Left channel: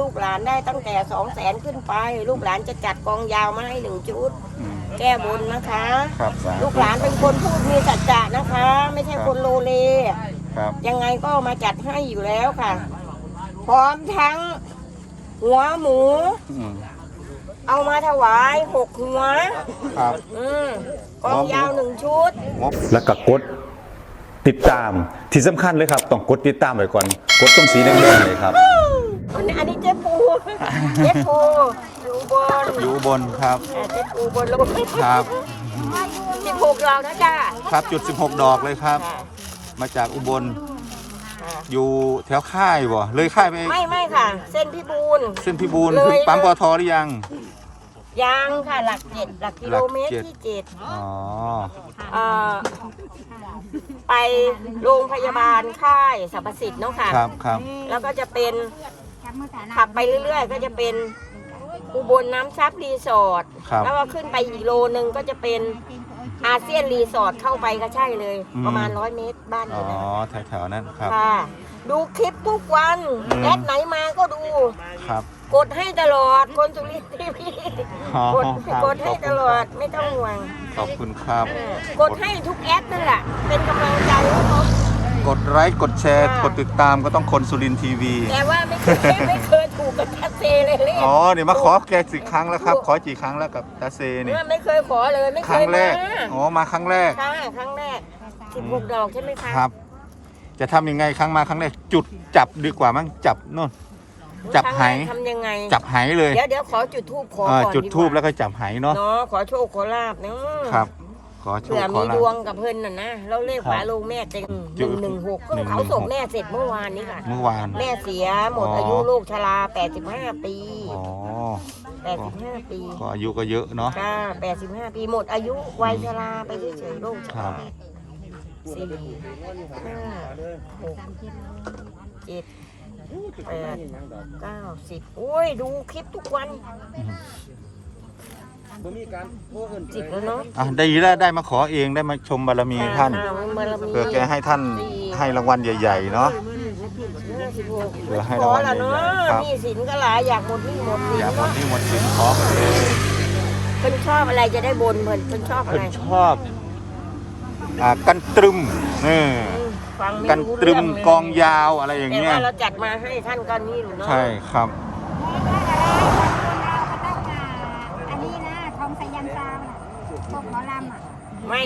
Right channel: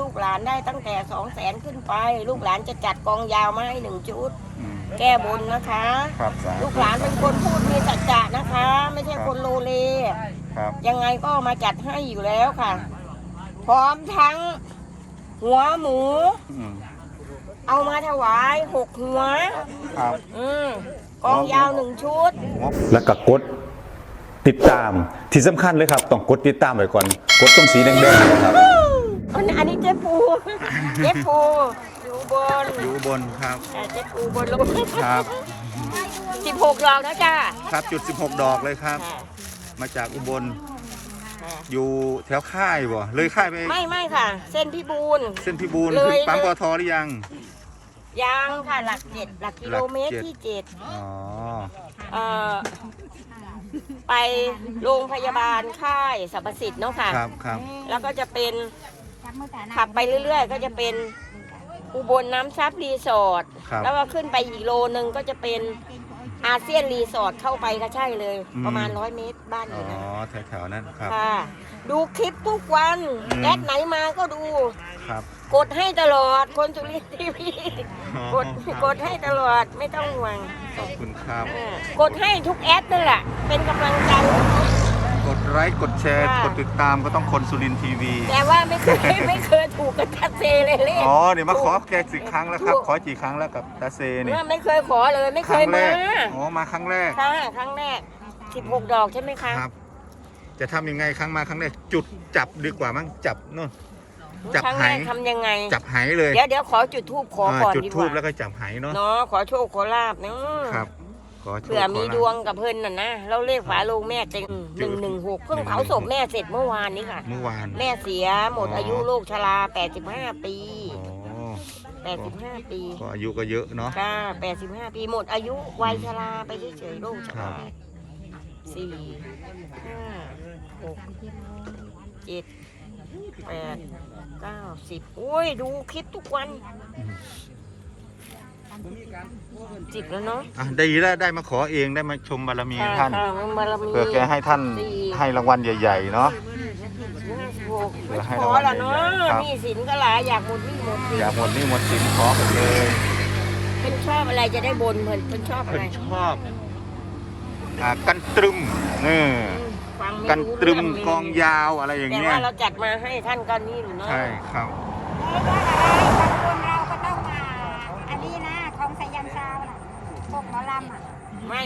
ลูกหลานได้ตั้งแต่สองแสนขึ้นไป ลูกหลานจะจัดกองยาวมาให้หนึ่งชุดอืมแก้บนนะคะ ครับสาธุลูกหลานเป็นคนพูดมีสัจจะนะคะ ไม่ใช่คนโลเล ครับยังไงก็มาจัดให้อยู่แล้วค่ะ พร้อมทั้ง หัวหมู อืมเอามาถวายหกหัว ครับ อืมกองยาวหนึ่งชุด แล้วก็กดติดตามที่สำคัญเลยครับ ต้องกดติดตามไว้ก่อน กดตรงสีแดงๆเนี่ยครับอันนี้อันนี้ เจ๊ปูเจ๊ปูอยู่บนอยู่อุบนครับ อ่าเจ๊ปูบนลงครับ สิบหกดอกนะจ้าครับจุด 16 ดอกเลยครับ ค่ะมาจากอุบล ค่ะอยู่แถวค่ายบ่ เลยค่ายไปไม่ไม่ค่ะ เส้นพี่บูนเส้นพิบูลเลยขึ้นปั๊มปอทหรือยังยังค่ะหลักเจ็ดหลักกิโลเมตรหลักเจ็ด ที่เจ็ดอ๋อ เอ่อไปโรงพยาบาลค่ายสรรพสิทธิ์เนาะค่ะ ครับครับ แล้วก็จะเป็น ขับไปเรื่อย ๆ ก็จะเป็นอุบลน้ำซับรีสอร์ทครับแล้วก็ขึ้นไปอีกโลนึงก็จะเป็นอาเซียนรีสอร์ทเข้าไปก็ใช่เลย อืม ประมาณร้อยเมตรบ้านออ๋อยู่นะแถวๆนั้นครับ ค่ะ ดูคลิปทุกวันอืม แอดไหนมาก็ดู ครับกดให้ตลอดคนสุรินทร์ทีวีอ๋อกดครับกดให้ตลอดไม่ต้องห่วงขอบคุณครับเออกดให้ทุกแอดนั่นแหละเป็นกำลังใจให้เขา กดไลค์กดแชร์ค่ะกดติดตามก็ต้องคนสุรินทร์ทีวีแต่ว่าไม่เคยไม่เคยถูกกับตาเซเลยเลยอ๋อเนี่ยมาขอแกสิครั้งแล้วครับ ขอกี่ครั้งแล้วกับตาเซนี่ไม่เคยขอเลยไม่เคครั้งยแรมากอ๋อมาครั้งแรกค่ะครั้งแรก16ดอกใช่ไหมคะครับ จะทำยังไงครั้งมาครั้งแรกจุดจับดีกว่ามั้งจับนู่นจับครั้งไหแรกทำยังไง จับไหเลย เดี๋ยวเดี๋ยวขอจุดทูบขออ่าก่อนจุดดีกทูบแล้ว่าวก็จับไหเนาะเนาะขอโชคขอลาบเนาะครับ ขอโชคเผื่อขอมีลาดวภงกับเพิ่นน่ะนะเราเลขฝาโลงแม่เต็งหจุนึ่ดงหนึ่งหกเพิ่งหนึ่งหนึ่งเผาศพหกแม่เสร็จเมื่อวานนี้ค่ะ เมื่อวาน แม่เสียหมดอ๋ออ อายุโรคชรา85 ปี อ๋อ85 ปีก็อายุก็เยอะเนาะค่ะ85 ปีหมดอายุวัยชราไปเฉยๆโรคชครัราบสี่ห้าหกเจ็ดแปดเก้าสิบโอ้ย ดูคลิปทุกวัน อืม สิบแล้วเนาะอะได้ได้ได้มาขอเองได้มาชมบารมีท่านค่ะบารมีเพื่อแกให้ท่านให้รางวัลใหญ่ๆเนาะห้าสิบหกเผื่อให้รางวัลขอละเนาะใหญ่ๆครับหนี่สินก็หลายอยากหมดหนี่หมดสินอย่าหมดหนี่หมดสินขอกันเลยเพิ่นชอบอะไรจะได้บนเพิ่นเพิ่นชอบอะเพิ่ไรนชอบอ่ากันตรึมนี่อืมฟังไม่กันรู้ตรึเรื่มเลยกองยาวอะไรอย่างแต่เงี้ยว่าเราจัดมาให้ท่านก็นี่หนูเนาะใช่ครับอันนี้นะทองสายันซาวน่ะพวกหมอลำอะ ไม่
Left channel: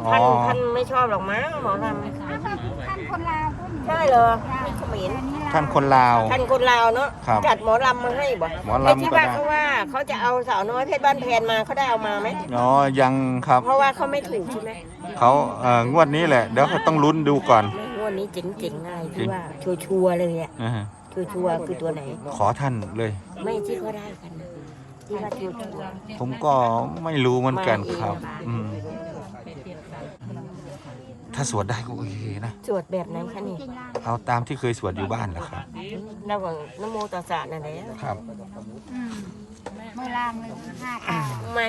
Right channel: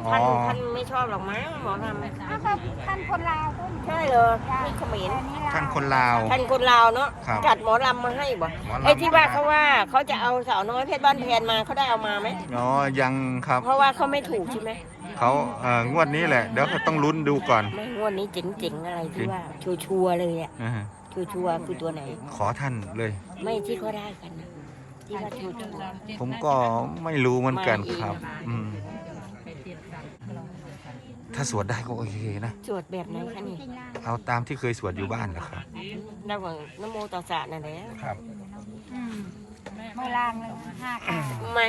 อ๋อ ท่านท่านไม่ชอบหรอกมั้งหมอลำอ้าวก็ท่านคนลาวก็มีใช่เหรอนี่เขมรแต่นี่ลวท่านคนลาว ท่านคนลาวเนาะครับจัดหมอลำมาให้บ่หมอลำไอ้ที่ว่าก็ได้ เขาว่าเขาจะเอาสาวน้อยเพชรบ้านแพนมาเขาได้เอามาไหมอ๋อยังครับเพราะว่าเขาไม่ถูกใช่ไหมเขาเอ่องวดนี้แหละ เดี๋ยวเขาต้องลุ้นดูก่อนไม่งวดนี้เจ๋งๆอะไรจริที่งว่าชัวร์ๆเลยอะนะฮะชัวร์ๆคือตัวไหน ขอท่านเลย ไม่ที่เขาได้กันนะที่ว่าชัวร์ผมก็ไม่รู้เหมือนกันมาเองครับ อืม ถ้าสวดได้ก็โอเคนะๆสวดแบบไหนคะนี่จริงล่างเอาตามที่เคยสวดอยู่บ้านแหละครับ ระหว่างนโมตัสสะนั่นแหละครับ อืมมือล่างเลยห้าขาทำไม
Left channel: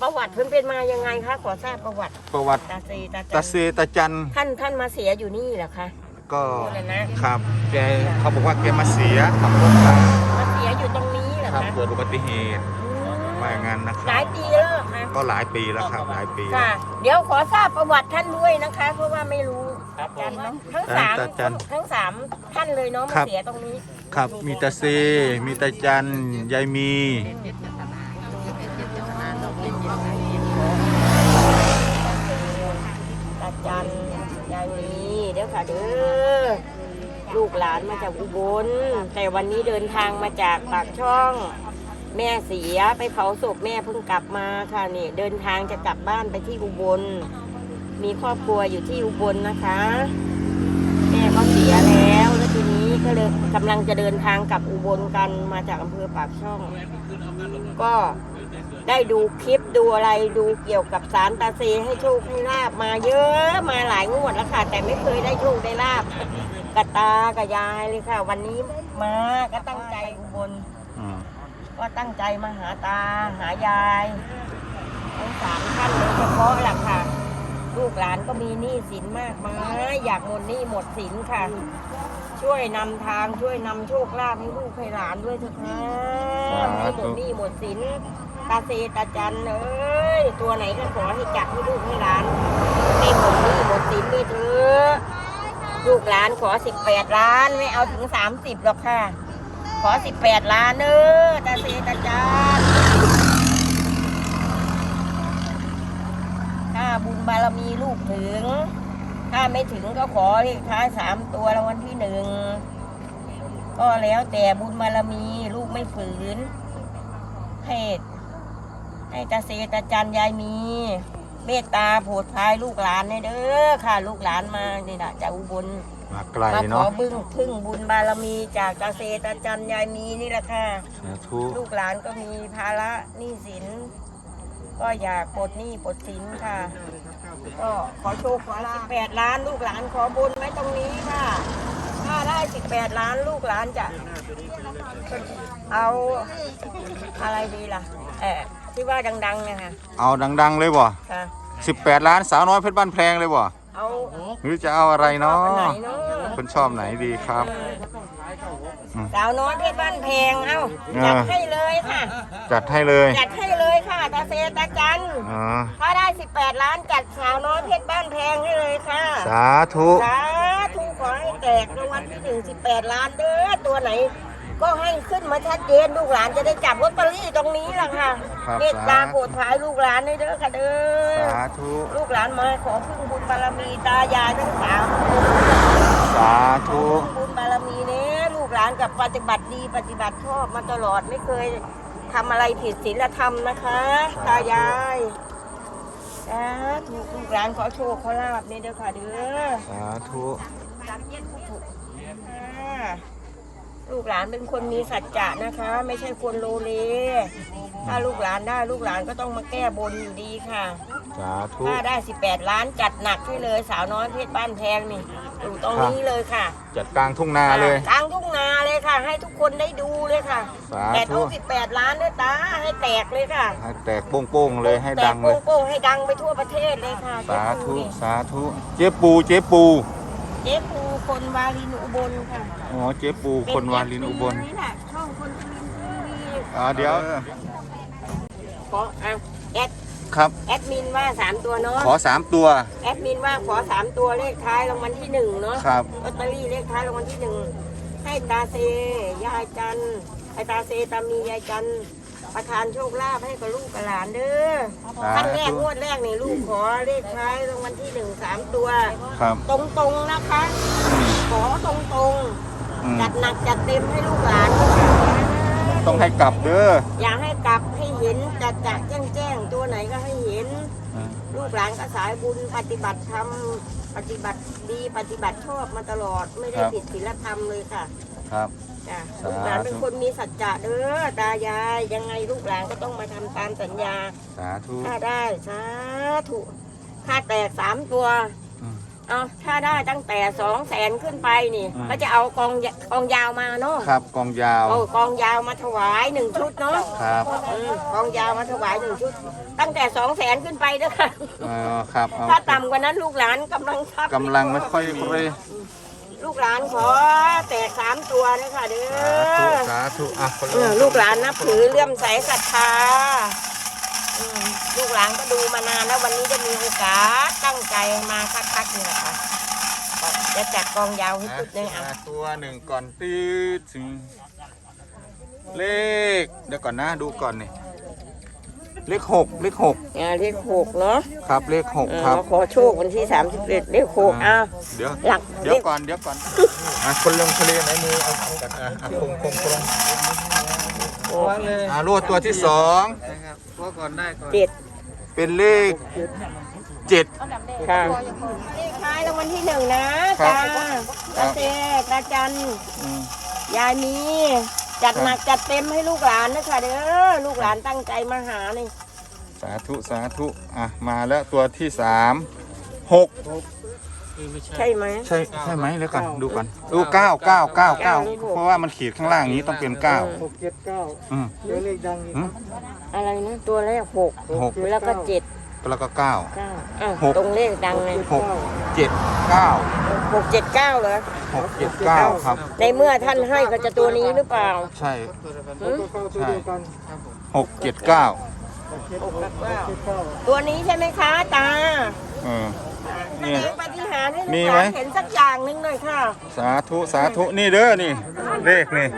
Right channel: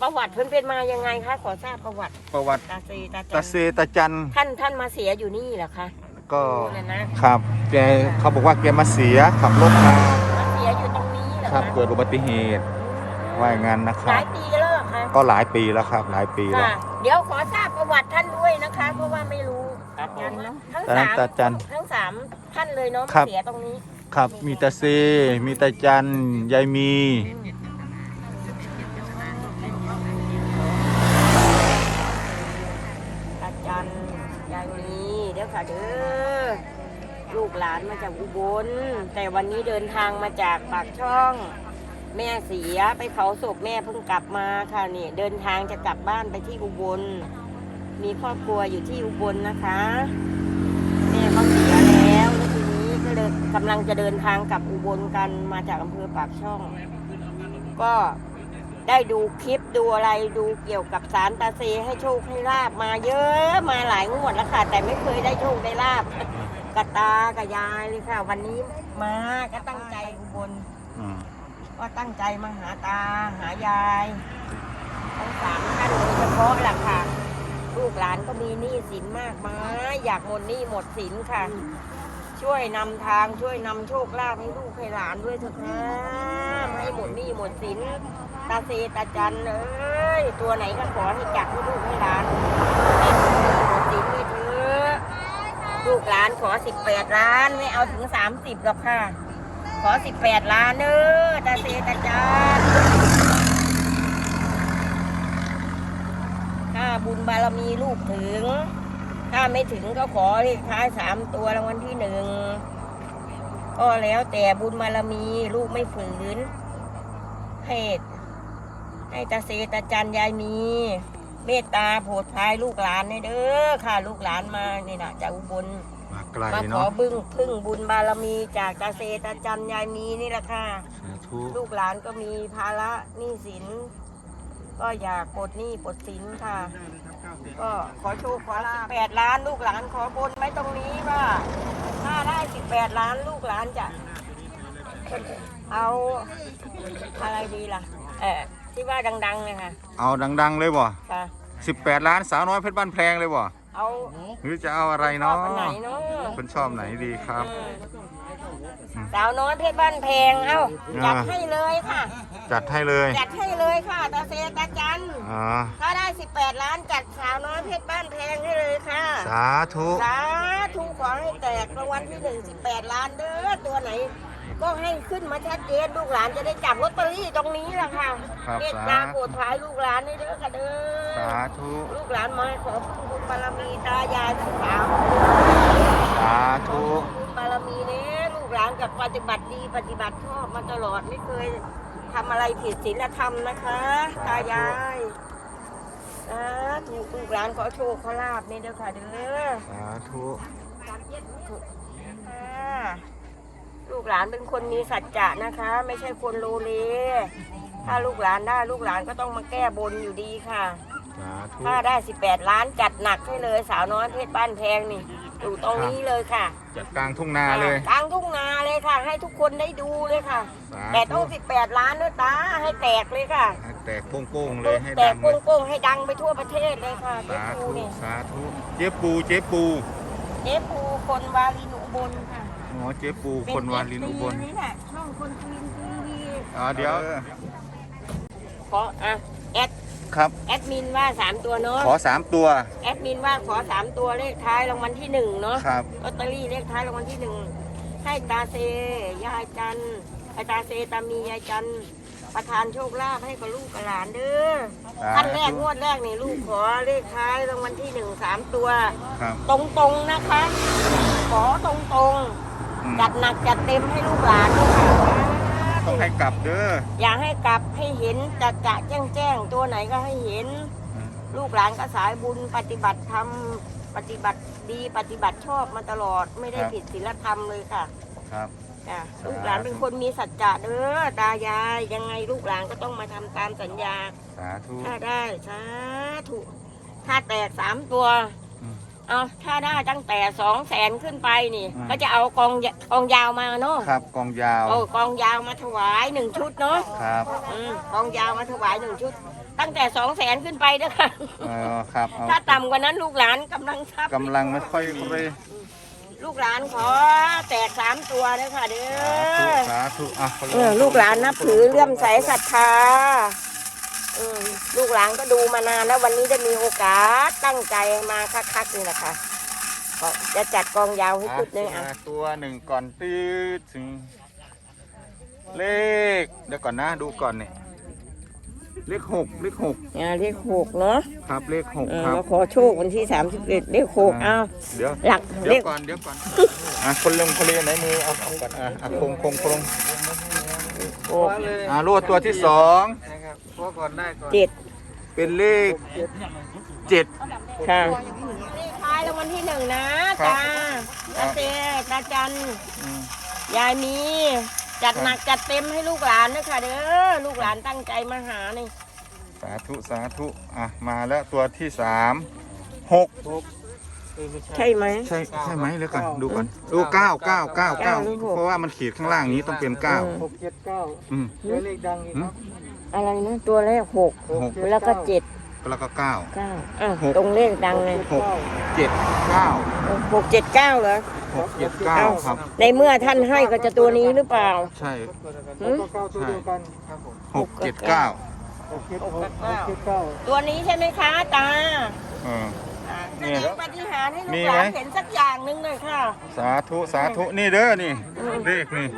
ประวัติเพิ่นเป็นมายังไงคะขอทราบประวัติประวัติตาเซตาตาจัเซนตาจันท่านท่านมาเสียอยู่นี่เหรอคะก็โอ้นั่นนะครับ แกเขาบอกว่าแกมาเสียขับรถมามาเสียอยู่ตรงนี้เหรอครับคะเกิดอุบัติเหตุ ว่าอย่างนั้นนะคหรัลาบยปีแล้วเหรอคะก็หลายปีแล้วครับ หลายปีแล้ว ค่ะ เดี๋ยวขอทราบประวัติท่านด้วยนะคะ เพราะว่าไม่รู้กันเนาะทั้งสามตาจันทั้งสามท่านเลยเนาะครัมาบเสียตรงนี้ครับมีตาเซมีตาจันยายมีตาเซตาจันยายมีเดี๋ยวค่ะเด้อลูกหลานมาจากอุบล แต่วันนี้เดินทางมาจากปากช่อง แม่เสียไปเผาศพแม่เพิ่งกลับมาค่ะนี่เดินทางจะกลับบ้านไปที่อุบล มีครอบครัวอยู่ที่อุบลนะคะ แม่ก็เสียแล้วแล้วทีนี้ก็เลยกำลังจะเดินทางกลับอุบลกันมาจากอำเภอปากช่อง ก็ได้ดูคลิปดูอะไรดูเกี่ยวกับสารตาเซให้โชคให้ลาบมาเยอะมาหลายงวดแล้วค่ะ แต่ไม่เคยได้โชคได้ลาบกับตากับยายเลยค่ะ วันนี้มาก็ตั้งใจอุบล ก็ตั้งใจมาหาตาหายายทั้งสามท่านโดยเฉพาะแหละค่ะ ลูกหลานก็มีหนี้สินมากมายอยากหมดหนี้หมดสินค่ะ ช่วยนำทางช่วยนำโชคลาภให้ลูกให้หลานด้วยเถอะค่ะไม่ให้หมดหนี้หมดสินตาเซตาจันเอ้ยตัวไหนก็ขอให้จัดให้ลูกให้หลานให้หมดหนี้หมดสินด้วยเถอะลูกหลานขอสิบแปดล้านไม่เอาถึงสามสิบหรอกค่ะ อสิบแปดล้านเด้อตาเซตาจันถ้าบุญบารมีลูกถึง ถ้าไม่ถึงก็ขอเลขท้ายสามตัวรางวัลที่หนึ่งก็แล้วแต่บุญบารมีลูกไม่ฝืนให้ให้ตาเซตาจันยายมี เมตตาโปรดพายลูกหลานให้เด้อค่ะ ลูกหลานมานี่นะจากอุบล มาไกลมาขอเนาะบึ้งพึ่งบุญบารมีจากตาเซตาจันยายมีนี่แหละค่ะ สาธุลูกหลานก็มีภาระหนี้สิน ก็อยากปลดหนี้ปลดสินค่ะ ก็ขอโชคขอลาแปดล้านลูกหลานขอบนไว้ตรงนี้ว่า ถ้าได้สิบแปดล้านลูกหลานจะเอาอะไรดีล่ะ เออที่ว่าดังๆเนี่ยค่ะเอาดัง ๆ เลยบ่ค่ะ 18 ล้านสาวน้อยเพชรบ้านแพงเลยบ่ เอาหรือจะเอาอะไรเนาะอันไหนเนาะคุณชอบไหนดีครับอืมสาวน้อยเพชรบ้านแพงเอ้าจัดให้เลยค่ะ จัดให้เลยจัดให้เลยค่ะตาเซตาจันอ๋อถ้าได้ 18 ล้านจัดสาวน้อยเพชรบ้านแพงให้เลยค่ะ สาธุ สาธุขอให้แตกรางวัลที่หนึ่งสิบแปดล้านเด้อตัวไหน ก็ให้ขึ้นมาชัดเจนลูกหลานจะได้จับลอตเตอรี่ตรงนี้แหละค่ะครับเมตตาโปรดภายลูกหลานให้เด้อค่ะเด้อสาธุ ลูกหลานมาขอพึ่งบุญบารมีตายายทั้งสามสาธุบุญบารมีเนี้ลูกหลานกับปฏิบัติดีปฏิบัติชอบมาตลอดไม่เคยทำอะไรผิดศีลธรรมนะคะตายายสาธุลูกหลานขอโชคขอลาบนี่เด้อค่ะเด้อสาธุค่ะ ลูกหลานเป็นคนมีสัจจะนะคะ ไม่ใช่คนโลเล ถ้าลูกหลานได้ลูกหลานก็ต้องมาแก้บนอยู่ดีค่ะ สาธุ ถ้าได้ 18 ล้านจัดหนักให้เลยสาวน้อยเพชรบ้านแพงนี่อยู่ตรงนี้เลยค่ะจัดกลางทุ่งนาเลย กลางทุ่งนาเลยค่ะ ให้ทุกคนได้ดูเลยค่ะสาแต่ธุต้อง18 ล้านด้วยตาให้แตกเลยค่ะให้แตกโป้งๆเลยให้แตดักงเลย โป้งๆให้ดังไปทั่วประเทศเลยค่ะเจ๊สาปูธุนี่สาธุ เจ๊ปู เจ๊ปู เจ๊ปูคนวาลินอุบลค่ะอ๋อเจ๊ปูคนวาลินอุบลนี่แหละช่องคนสุรินทร์ทีวีอ๋อเดี๋ยวขออะแอดครับ แอดมินว่าสามตัวเนาะขอสามตัว แอดมินว่าขอสามตัวเลขท้ายรางวัลที่หนึ่งเนาะครับ ลอตเตอรี่เลขท้ายรางวัลที่หนึ่งให้ตาเซยายจันไอตาเซตามียายจัน ประทานโชคลาภให้กับลูกกับหลานเด้อสาธุขั้นแรกงวดแรกนี่ลูกขอเลขท้ายรางวัลที่หนึ่งสามตัว ครับ ตรงๆนะคะอืมขอตรงอืมๆจัดหนักจัดเต็มให้ลูกหลานด้วยค่ะต้องให้กลับเด้ออยากให้กลับให้เห็นจะจะแจ้งแจ้งๆตัวไหนก็ให้เห็นอ่าลูกหลานก็สายบุญปฏิบัติธรรมปฏิบัติดีปฏิบัติชอบมาตลอดไม่ได้ผิดศีลธรรมเลยค่ะ ครับ จ้ะสาธุลูกหลานเป็นคนมีสัจจะเด้อตายายยังไงลูกหลานก็ต้องมาทำตามสัญญา สาธุ ถ้าได้สาธุถ้าแตกสามตัว อืมเอาถ้าได้ตั้งแต่สองแสนขึ้นไปนี่ อืม ก็จะเอากองยกองยาวมาเนาะครับกองยาว เอากองยาวมาถวายหนึ่งชุดเนาะครับอืมกองยาวมาถวายหนึ่งชุด ตั้งแต่สองแสนขึ้นไปเด้อค่ะเออครับเอาถ้าต่ำกว่านั้นลูกหลานกำลังทรัพย์กำลังไม่ค่อยเลย ลูกหลานขอแตกสามตัวเด้อค่ะเด้สาธุอสาธุอะคนเออลูกหลานนับถือเลื่อมใสศรัทธาอืมลูกหลานก็ดูมานานแล้ววันนี้จะมีโอกาสตั้งใจมาคักๆนี่แหละค่ะก็จะจัดกองยาวให้อะชุดหนึงอะอะตัวหนึ่งก่อนตืดถึง เลข เดี๋ยวก่อนนะดูก่อนเนี่ย เลขหกเลขหกอ่าเลขหกเนาะครับเลขหกเออครับมาขอโชควันที่สามสิบเอ็ดเลขหกอะเดี๋ยวหลักเดี๋ยวเลข ก่อนเดี๋ยวก่อนอะคนลงทะเลไหนมือเอาเอากันอะอะคงคงคงหกอะรวดตัวที่สองเจ็ดเป็นเลขเจ็ด ค่ะเลขท้ายรางวัลที่หนึ่งนะครับ ตาครัตาบเจตาจันอืมยายมี จัดครับหนักจัดเต็มให้ลูกหลานนะค่ะเด้อลูกหลานตั้งใจมาหานี่สาธุสาธุอะมาแล้วตัวที่สามหกใช่ไหมใช่ใช่ไหมแล้วก่อนดูก่อนดูเก้าเก้าเก้าเก้าเพราะว่ามันขีดข้างล่างนี้ต้องเป็นเก้าหกเจ็ดเก้าอืมเดี๋ยวเลขดังอืมอะไรนะตัวแรกหกหกแล้วก็เจ็ด แล้วก็เก้า เก้าอ้าวหก ตรงเลขดังไงหกเจ็ดเก้าหกเจ็ดเก้าเหรอ หกเจ็ดเก้าครับ ในเมื่อท่านให้ก็จะตัวนี้หรือเปล่าใช่หืมใช่หกเจ็ดเก้าหกกับเก้าตัวนี้ใช่ไหมคะตาเออแสเนี่ยดงปฏิหารย์ให้ลูมีกไหหม ลานเห็นสักอย่างหนึงหน่อยค่ะสาธุสาธุนี่เด้อนี่ เลขนี่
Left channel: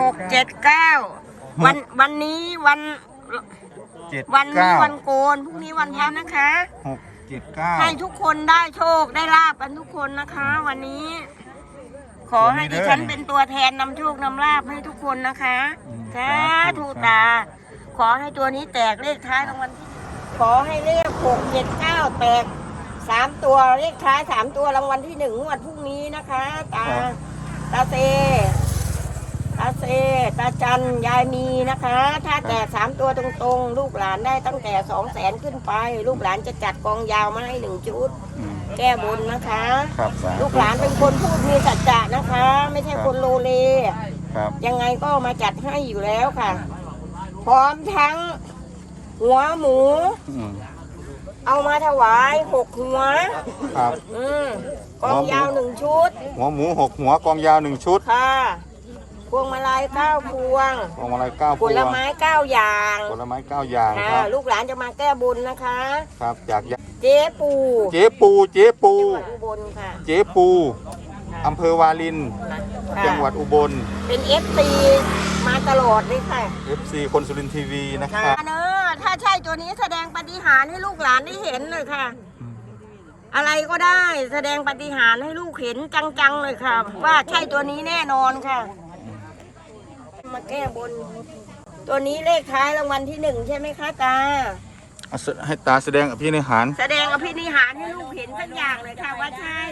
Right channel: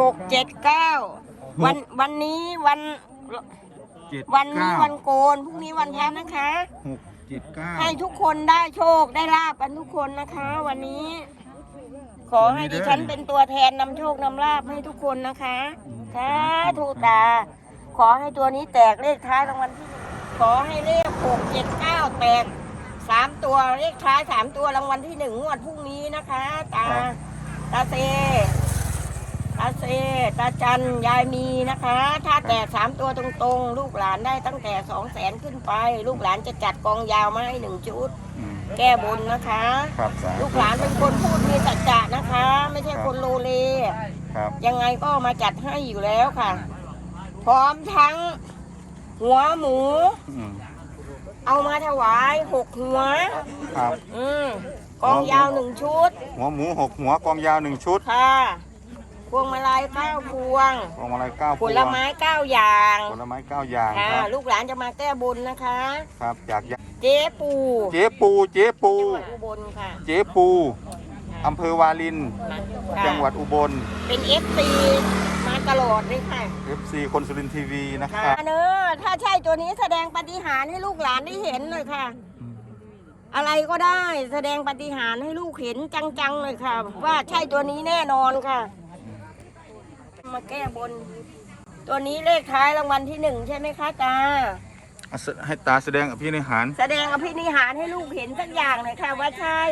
หกเจ็ดเก้าวันวันนี้วัน เจ็ดวันนี้เก้าวันโกนพรุ่งนี้วันพระนะคะ หกเจ็ดเก้า ให้ทุกคนได้โชคได้ลาบกันทุกคนนะคะ วันนี้ ขอให้ดิฉันเป็นตัวแทนนำโชคนำลาบให้ทุกคนนะคะสาธุตา ขอให้ตัวนี้แตกเลขท้ายรางวัลที่หนึ่งขอให้เลขหกเจ็ดเก้าแตกสามตัวเลขท้ายสามตัวรางวัลที่หนึ่งงวดพรุ่งนี้นะคะ ตา ตาเซ ตาเซตาจันยายมีนะคะ ถ้าแตกสามตัวตรงๆ ลูกหลานได้ตั้งแต่สองแสนขึ้นไป ลูกหลานจะจัดกองยาวมาให้หนึ่งชุด อืมแก้บนนะคะ ครับสาธุลูกหลานเป็นคนพูดมีสัจจะนะคะ ไม่ใช่คนโลเล ครับ ยังไงก็มาจัดให้อยู่แล้วค่ะ พร้อมทั้ง หัวหมู อืมเอามาถวายหกหัว ครับ อืมกองยาวหนึ่งชุดหัวหมูหกหัวกองยาวหนึ่งชุด ค่ะพ วงมาลัยเก้าพวงกองอะไรเก้าพผวงลไม้เก้าอย่างผลไม้เก้าอย่างค่ะครับลูกหลานจะมาแก้บุญนะคะ ครับจากยะเจ๊ปูเจ๊ปูเจ๊ปู จังหวัดอุบลค่ะเจ๊ปูอำเภอวาลิน ค่ะจังหวัดอุบล เป็นเอฟซีมาตลอดเลยค่ะ FC คนสุรินทร์ทีวีนะคค่ะรับ เนอะถ้าใช่ตัวนี้แสดงปาฏิหาริย์ให้ลูกหลานได้เห็นเลยค่ะอืมอะไรก็ได้แสดงปาฏิหาริย์ให้ลูกเห็นจังๆเลยค่ะ ว่าใช่ตัวนี้แน่นอนค่ะ มาแก้บน ตัวนี้เลขท้ายรางวัลที่หนึ่งใช่ไหมคะตา เอาแสให้ตาแสดงอภินิหารแสดงอภินิหารให้ลูกเห็นสักอย่างหน่อยค่ะว่าใช่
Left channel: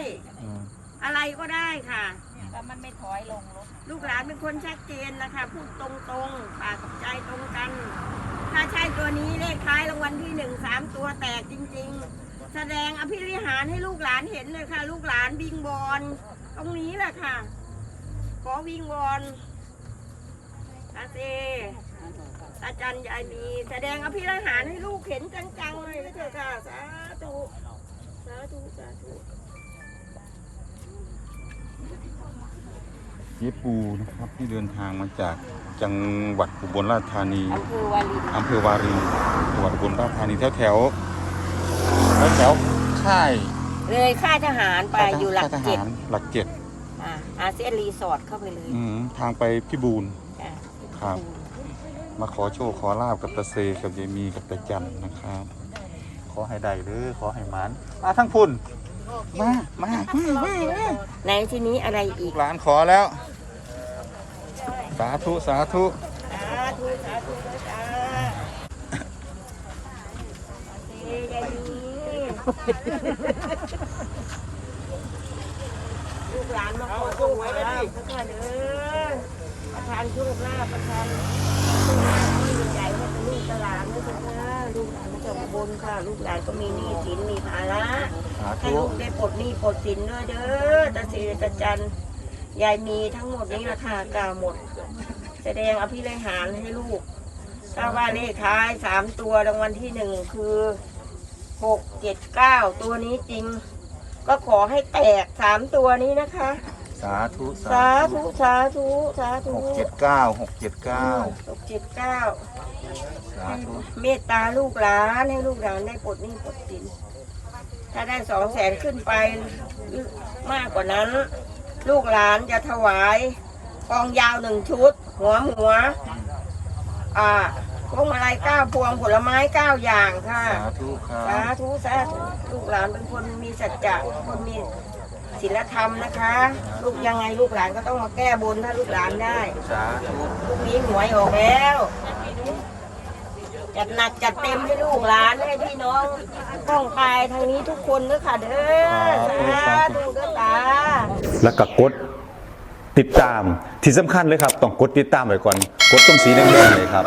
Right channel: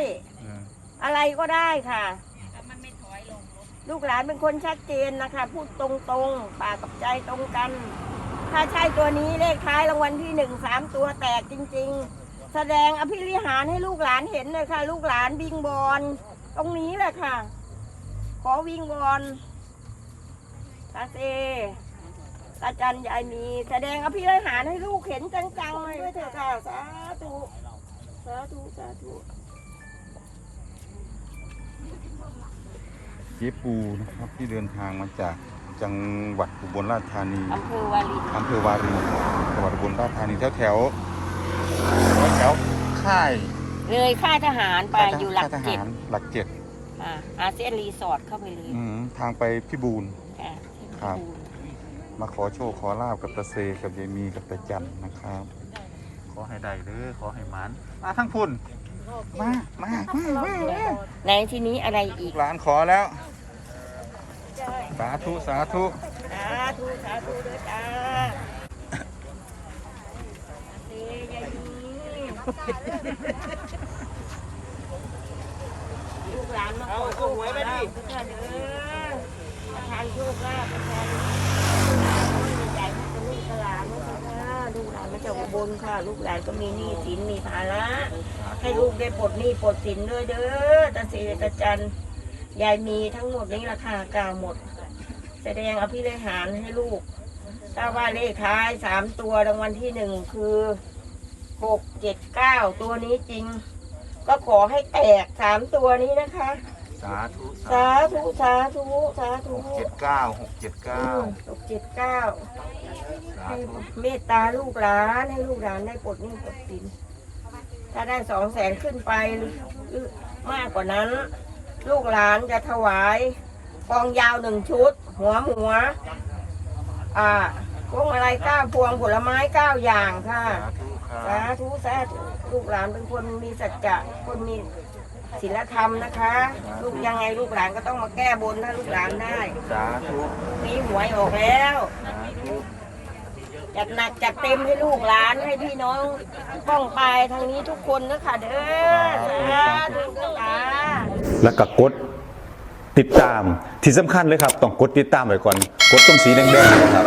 อืมอะไรก็ได้ค่ะลูกหลานเป็นคนชัดเจนนะคะ พูดตรงๆ ปากกับใจตรงกัน ถ้าใช่ตัวนี้เลขท้ายรางวัลที่หนึ่งสามตัวแตกจริง ๆ แสดงอภิริหารให้ลูกหลานเห็นเลยค่ะ ลูกหลานวิงบอลตรงนี้แหละค่ะ ขอวิงบอล ตาเซตาจันยายมี แสดงอภิริหารให้ลูกเห็นจังๆเลยด้วยเถอะค่ะสาธุสาธุสาธุเจ๊ปูนะครับที่เดินทางมาจากจังหวัดอุบลราชธานีอำเภอวาลินอำเภอวารินจังหวัดอุบลราชธานีแถวแถวแถวแถวๆค่ายเลยค่ายทหารไปอยู่หลักค่ายทเจ็ดหารหลักเจ็ดอ่าอาเซียนรีสอร์ทเข้าไปเลย อืมทางไปพิบูล จ้ะครับ มาขอโชคขอลาบกับตาเซกับยายมีกับตาจันนะครับ ขอให้ได้เด้อขอให้หมันมาทั้งพุ่นมามามามามาในที่นี้อะไรอีกหลานขอแล้ว สาธุสาธุสาธุสาธุด้วยจ้าเฮ้ยยายมีลูก หลานมาขอโชคขอลาบกันเถอะเด้อประทานโชคลาภประทานโชคลาภก้อนใหญ่ๆให้กับลูกกับหลานด้วยเถอะค่ะลูกหลานมาจากอุบลค่ะลูกหลานก็มีหนี้สินมีภาระให้ลูกได้ปลดหนี้ปลดสินด้วยเด้อตาเสตาจันยายมีทั้งหมดนี้ราคากาหมด แสดงอภิริหารให้ลูกถ้าว่าเลขท้ายสามตัวรางวัลที่หนึ่งคือหกเจ็ดเก้าตัวนี้จริง ก็ขอให้แตกสามตัวนี้นะคะ สาธุสาธุสาธุสาธุหกเจ็ดเก้าหกเจ็ดเก้าหกเจ็ดเก้าสาให้ธุเมตตาลูกหลานให้ลูกหลานได้ปลดหนี้ปลดสิน ถ้าได้สองแสนขึ้นไปหรือมากกว่านั้น ลูกหลานจะถวายกองยาวหนึ่งชุด หัวหัว อ่า พวงมาลัยเก้าพวงผลไม้เก้าอย่างค่ะสาธุครัสาบธุสาธุลูกหลานเป็นคนมีสัจจะคนมีศีลธรรมนะคะ ลูกยังไงลูกหลานก็ต้องมาแก้บนถ้าลูกหลานได้สาธุพรุ่งนี้หวยออกแล้ว จัดหนักจัดเต็มให้ลูกหลานให้พี่น้องต้องไปทางนี้ทุกคนเด้อค่ะเด้อสาธุเด้อตา แล้วก็กดติดตามที่สำคัญเลยครับ ต้องกดติดตามไว้ก่อน กดตรงสีแดงๆเนยครับ